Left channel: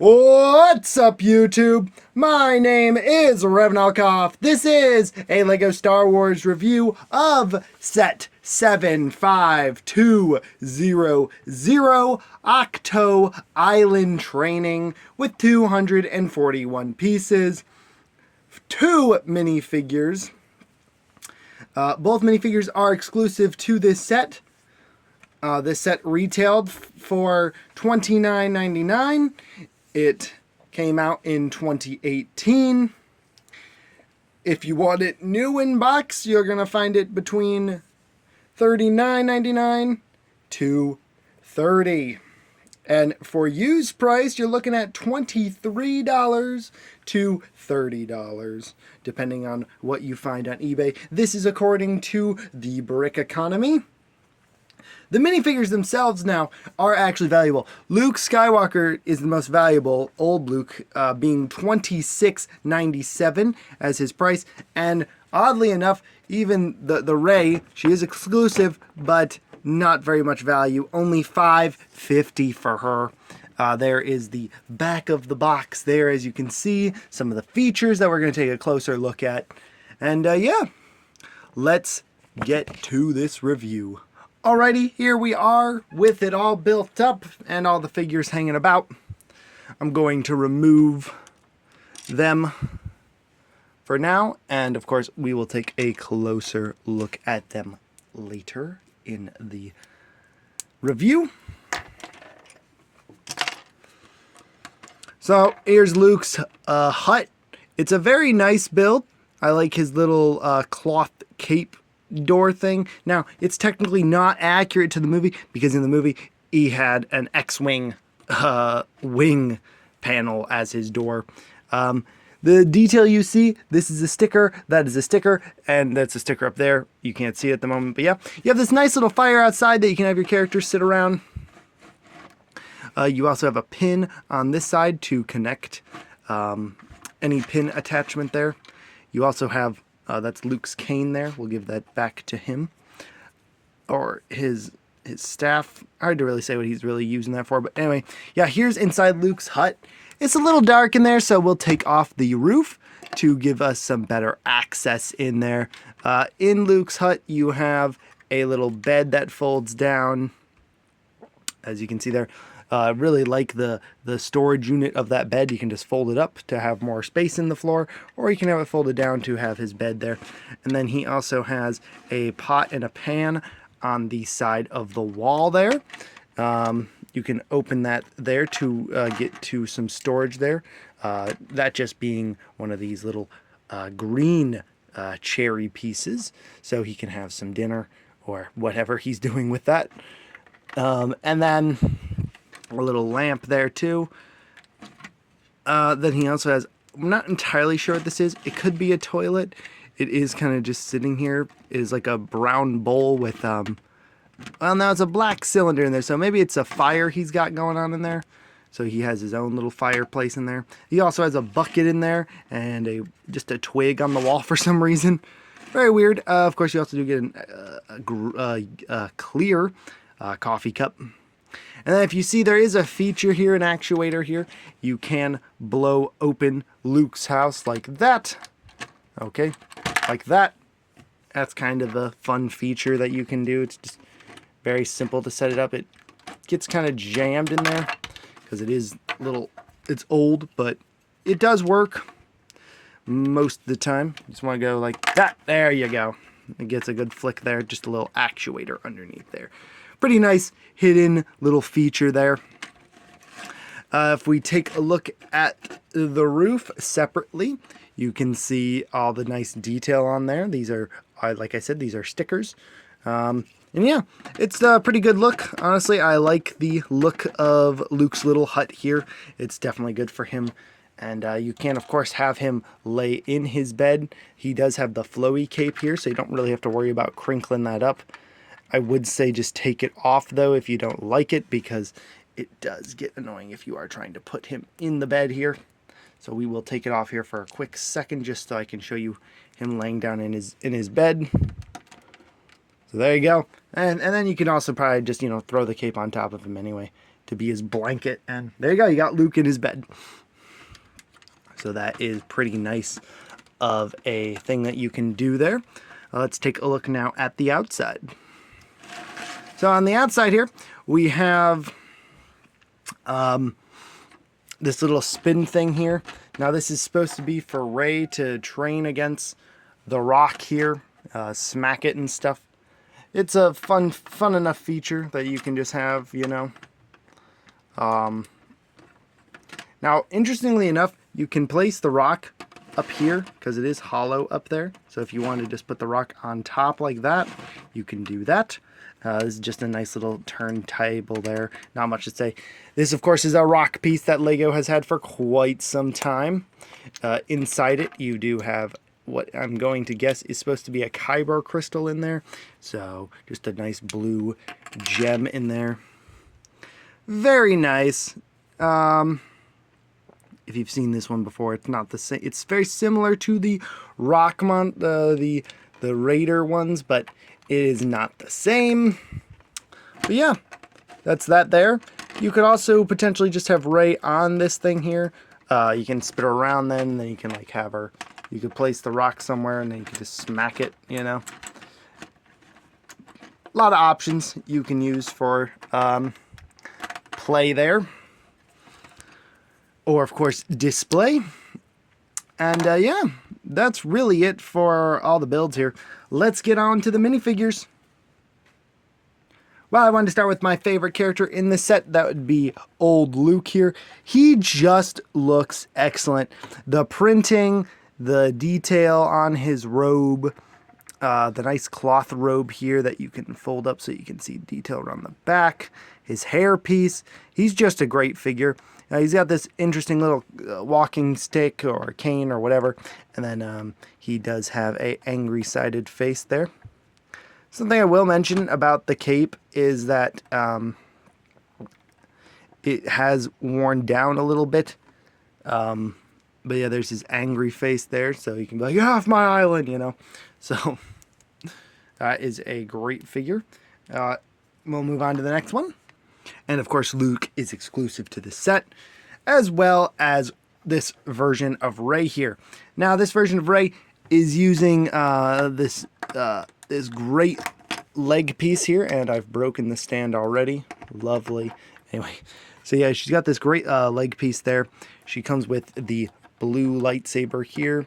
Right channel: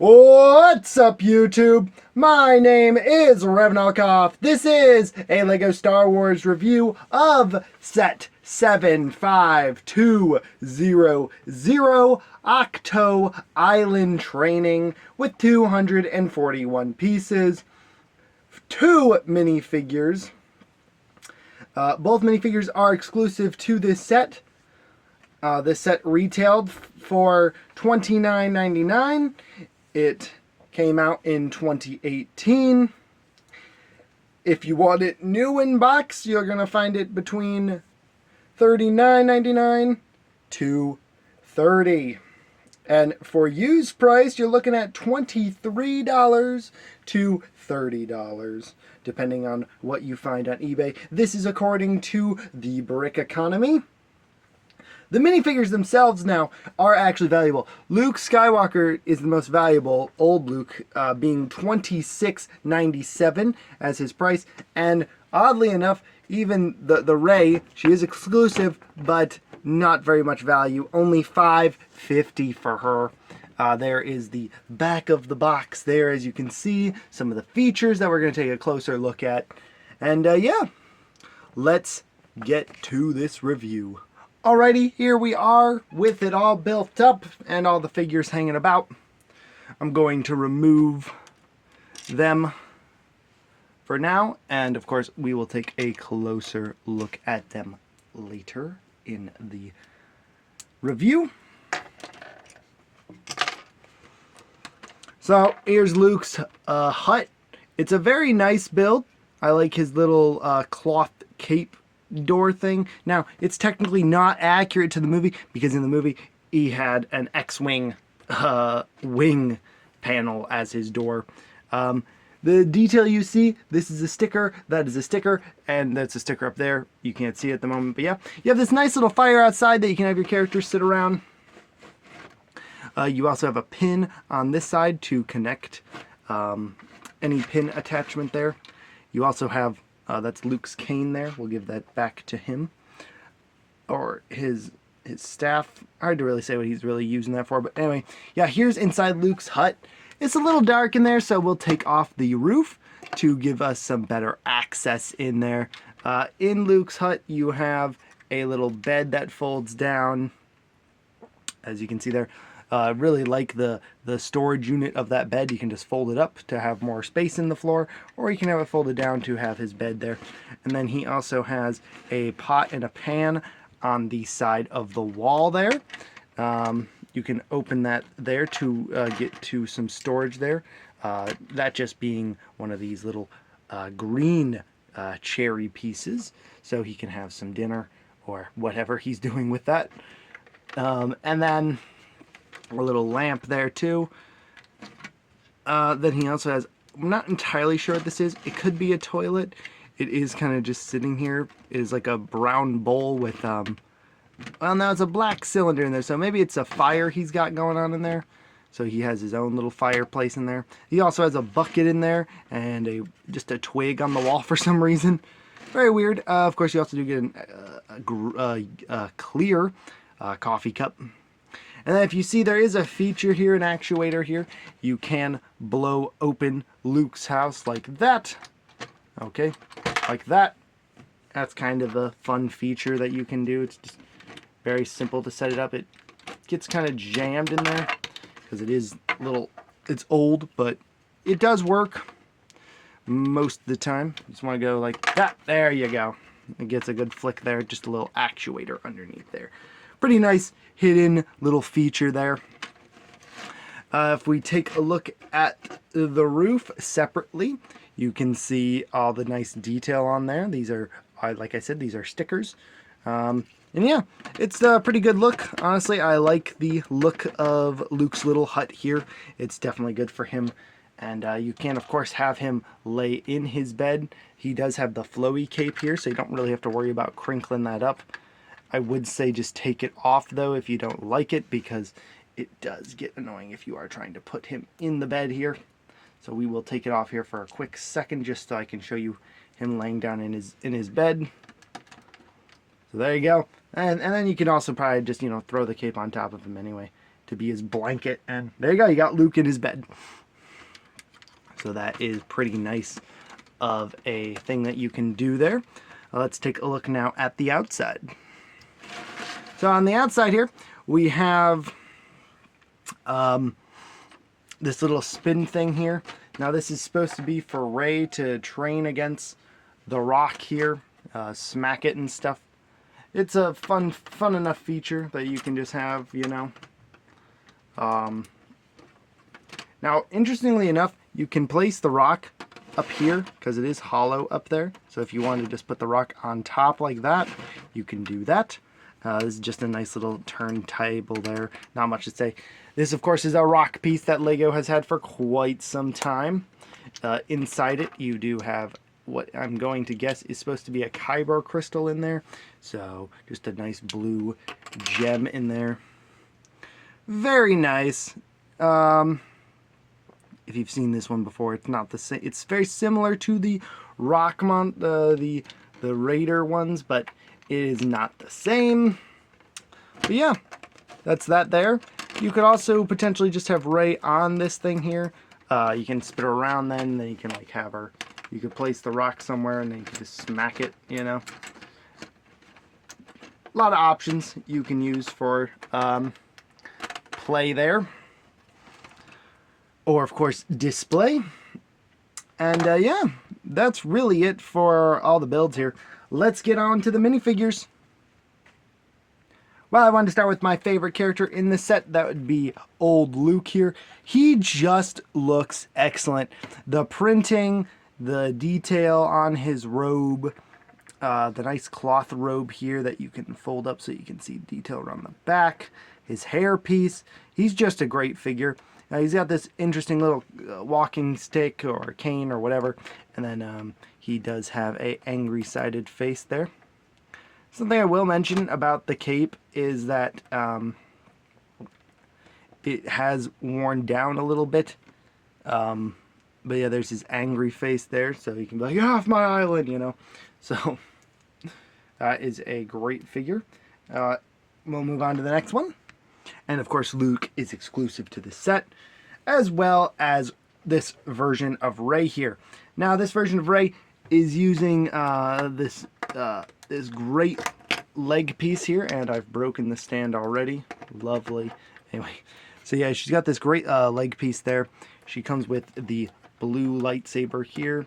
What's up, YouTube? My name is Revnalkoff. This is a LEGO Star Wars review of Set 75200 Ahch-To Island Training with 241 pieces, 2 minifigures. Both minifigures are exclusive to this set. This set retailed for $29.99. It came out in 2018. If you want it new in box, you're going to find it between $39.99 to $30. And for used price, you're looking at $23 to $30, depending on what you find on eBay. This is according to the Brick Economy. The minifigures themselves now are actually valuable. Luke Skywalker is the most valuable, old Luke, being $26.97 as his price. And oddly enough, even the Rey, she is exclusive, but not very much value. Only $5.50 for her. There is the back of the box there, as you can see. Some of the features that we're going to take a closer look at. And yeah, let's get to this review. Alrighty, here we are with it all built up and all the figures hanging about. I'm going to remove them for now, and of course we will take a closer look at them later in the review. So here's Luke's hut. It's a very nice build. I like his little cloth cape door thing. Now, it's technically not accurate to the movie because in the movie he had an X-Wing wing panel as his door. The detail you see, this is a sticker, that is a sticker, and that's a sticker up there. You can't see it at the moment, but yeah. You have this nice little fire outside that you can have your characters sit around. You also have a pin on this side to connect any pin attachment there. You also have that's Luke's cane there. We'll give that back to him. Or his staff. Hard to really say what he's really using that for. But anyway, yeah, here's inside Luke's hut. It's a little dark in there, so we'll take off the roof to give us some better access in there. In Luke's hut, you have a little bed that folds down, as you can see there. Really like the storage unit of that bed. You can just fold it up to have more space in the floor, or you can have it folded down to have his bed there. And then he also has a pot and a pan on the side of the wall there. You can open that there to get to some storage there. That just being one of these little green cherry pieces, so he can have some dinner or whatever he's doing with that. And then a little lamp there too. Then he also has, I'm not entirely sure what this is. It could be a toilet. It is kind of just sitting here. It is like a brown bowl with, well, now it's a black cylinder in there, so maybe it's a fire he's got going on in there. So he has his own little fireplace in there. He also has a bucket in there and just a twig on the wall for some reason. Very weird. Of course, you also do get a clear coffee cup. And then if you see, there is a feature here, an actuator here. You can blow open Luke's house like that. Okay, like that. That's kind of the fun feature that you can do. It's just very simple to set it up. It gets kind of jammed in there because it is it's old, but it does work most of the time. You just want to go like that. There you go. It gets a good flick there. Just a little actuator underneath there. Pretty nice hidden little feature there. If we take a look at the roof separately, you can see all the nice detail on there. These are, like I said, these are stickers. And yeah, it's a pretty good look. Honestly, I like the look of Luke's little hut here. It's definitely good for him. And you can, of course, have him lay in his bed. He does have the flowy cape here, so you don't really have to worry about crinkling that up. I would say just take it off, though, if you don't like it, because it does get annoying if you are trying to put him in the bed here. So we will take it off here for a quick second, just so I can show you him laying down in his bed. So there you go. And then you can also probably just, throw the cape on top of him anyway. to be his blanket. And there you go, you got Luke in his bed. So that is pretty nice of a thing that you can do there. Let's take a look now at the outside. So on the outside here, we have this little spin thing here. Now this is supposed to be for Ray to train against the rock here, smack it and stuff. It's a fun enough feature that you can just have, you know. Now, interestingly enough, you can place the rock up here because it is hollow up there. So if you want to just put the rock on top like that, you can do that. This is just a nice little turntable there. Not much to say. This, of course, is a rock piece that Lego has had for quite some time. Inside it, you do have what I'm going to guess is supposed to be a kyber crystal in there. So just a nice blue gem in there. Very nice. If you've seen this one before, it's not the same. It's very similar to the Rockmont, the Raider ones, but it is not the same. But yeah, that's that there. You could also potentially just have Ray on this thing here. You can spin her around then you can like have her, you could place the rock somewhere and then you can just smack it, you know. A lot of options you can use for play there. Or, of course, display. And, yeah, that's really it for all the builds here. Let's get on to the minifigures. Well, I wanted to start with my favorite character in the set. That would be old Luke here. He just looks excellent. The printing, the detail on his robe, the nice cloth robe here that you can fold up so you can see detail around the back. His hair piece. He's just a great figure. He's got this interesting little walking stick or cane or whatever. And then he does have a angry-sided face there. Something I will mention about the cape is that it has worn down a little bit. But yeah, there's his angry face there. So you can be like, get off my island, you know. So that is a great figure. We'll move on to the next one. And of course, Luke is exclusive to the set, as well as this version of Ray here. Now, this version of Ray is using this great leg piece here, and I've broken the stand already. Lovely. Anyway, so yeah, she's got this great leg piece there. She comes with the blue lightsaber here,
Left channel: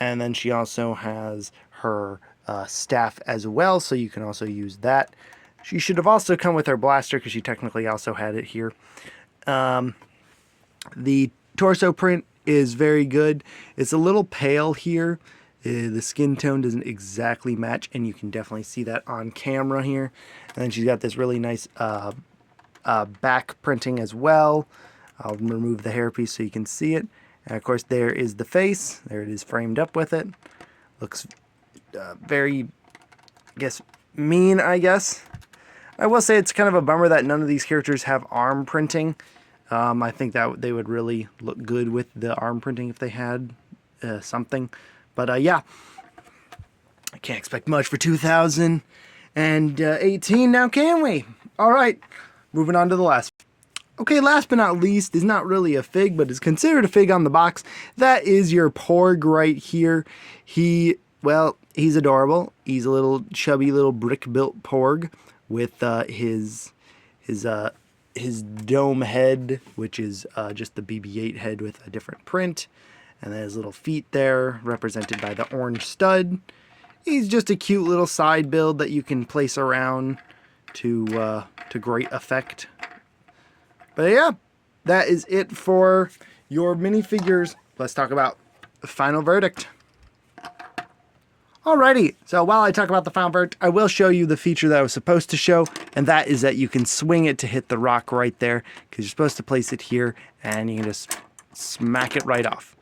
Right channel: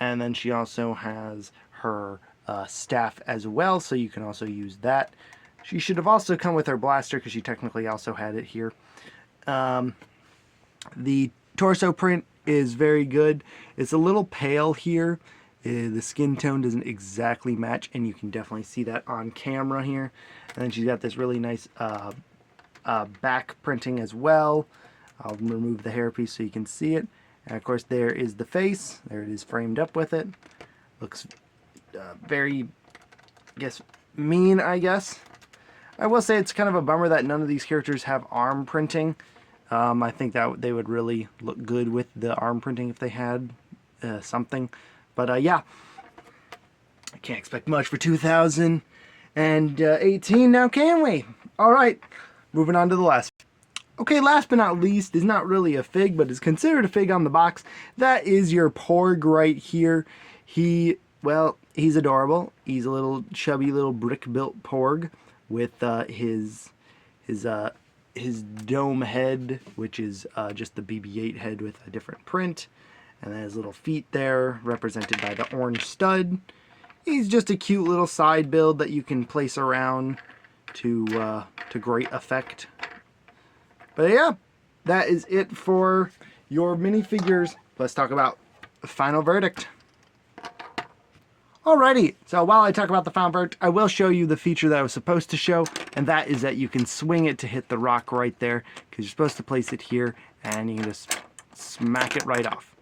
and then she also has her staff as well, so you can also use that. She should have also come with her blaster because she technically also had it here. The torso print is very good. It's a little pale here. The skin tone doesn't exactly match, and you can definitely see that on camera here. And then she's got this really nice back printing as well. I'll remove the hairpiece so you can see it. And of course, there is the face. There it is framed up with it. Looks very, I guess, mean, I guess. I will say it's kind of a bummer that none of these characters have arm printing. I think that they would really look good with the arm printing if they had something. But yeah, I can't expect much for 2018 now, can we? All right, moving on to the last. Okay, last but not least is not really a fig, but is considered a fig on the box. That is your porg right here. Well, he's adorable. He's a little chubby little brick-built porg with his dome head, which is just the BB-8 head with a different print, and then his little feet there, represented by the orange stud. He's just a cute little side build that you can place around to great effect. But yeah, that is it for your minifigures. Let's talk about the final verdict. Alrighty, so while I talk about the final verdict, I will show you the feature that I was supposed to show, and that is that you can swing it to hit the rock right there, because you're supposed to place it here, and you can just smack it right off.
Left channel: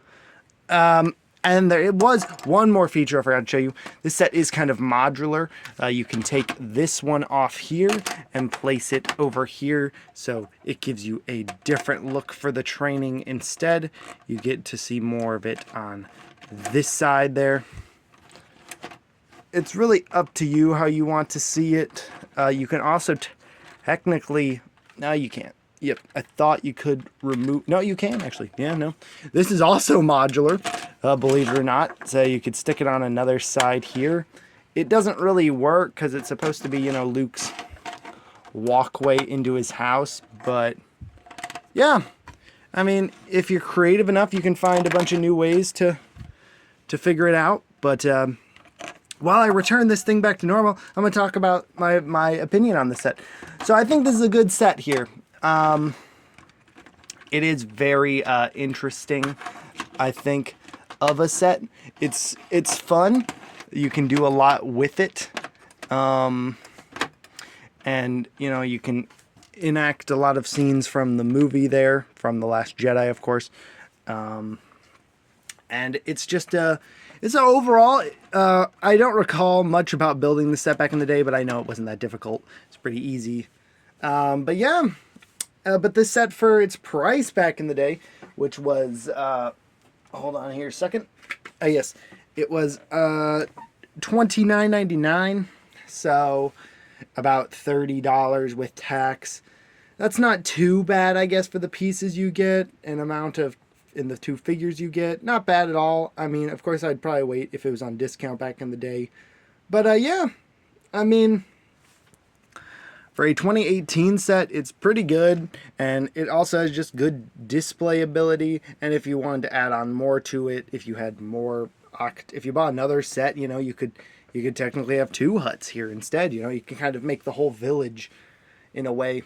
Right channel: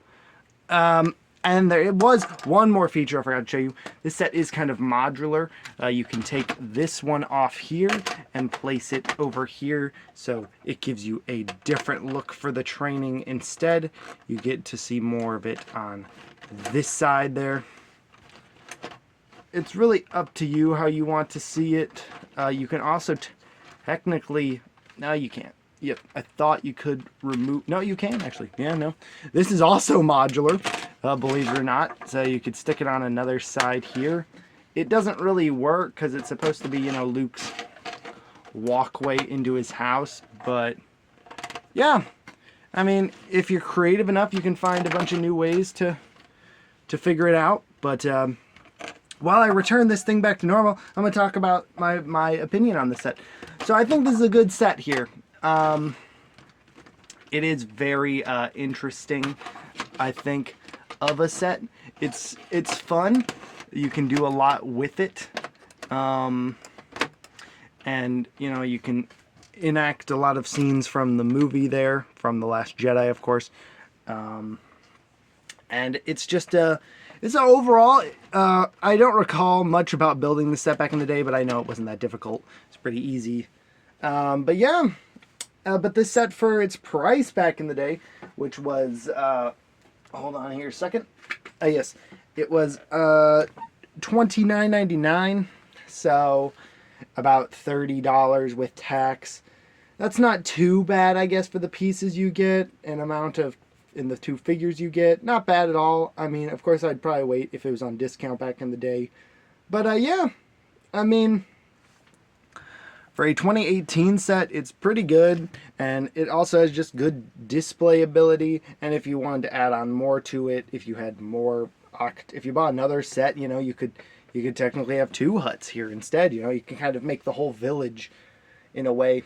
And there was one more feature I forgot to show you. This set is kind of modular. You can take this one off here and place it over here, so it gives you a different look for the training instead. You get to see more of it on this side there. It's really up to you how you want to see it. You can also technically, no, you can't. Yep, I thought you could remove... No, you can, actually. Yeah, no. This is also modular, believe it or not. So you could stick it on another side here. It doesn't really work because it's supposed to be, you know, Luke's walkway into his house. But, yeah. I mean, if you're creative enough, you can find a bunch of new ways to figure it out. But while I return this thing back to normal, I'm going to talk about my opinion on the set. So I think this is a good set here. It is very interesting, I think, of a set. It's fun. You can do a lot with it. And, you know, you can enact a lot of scenes from the movie there, from The Last Jedi, of course. And it's just it's overall, I don't recall much about building the set back in the day, but I know it wasn't that difficult. It's pretty easy. But yeah, but this set for its price back in the day, which was, hold on here a second. Oh yes, it was $29.99, so about $30 with tax. That's not too bad, I guess, for the pieces you get, an amount of in the 2 figures you get. Not bad at all. I mean, of course, I'd probably wait if it was on discount back in the day. But yeah, I mean, for a 2018 set, it's pretty good. And it also has just good display ability. And if you wanted to add on more to it, if you had more, if you bought another set, you know, you could technically have 2 huts here instead. You know, you can kind of make the whole village in a way.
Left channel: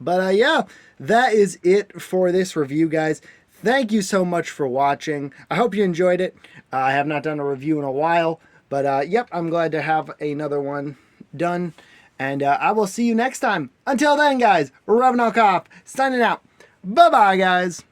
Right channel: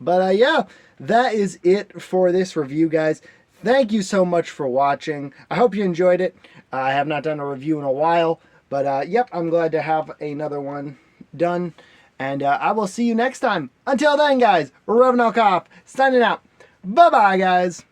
But yeah, that is it for this review, guys. Thank you so much for watching. I hope you enjoyed it. I have not done a review in a while, but yep, I'm glad to have another one done. And I will see you next time. Until then, guys, Revenant Cop signing out. Bye-bye, guys.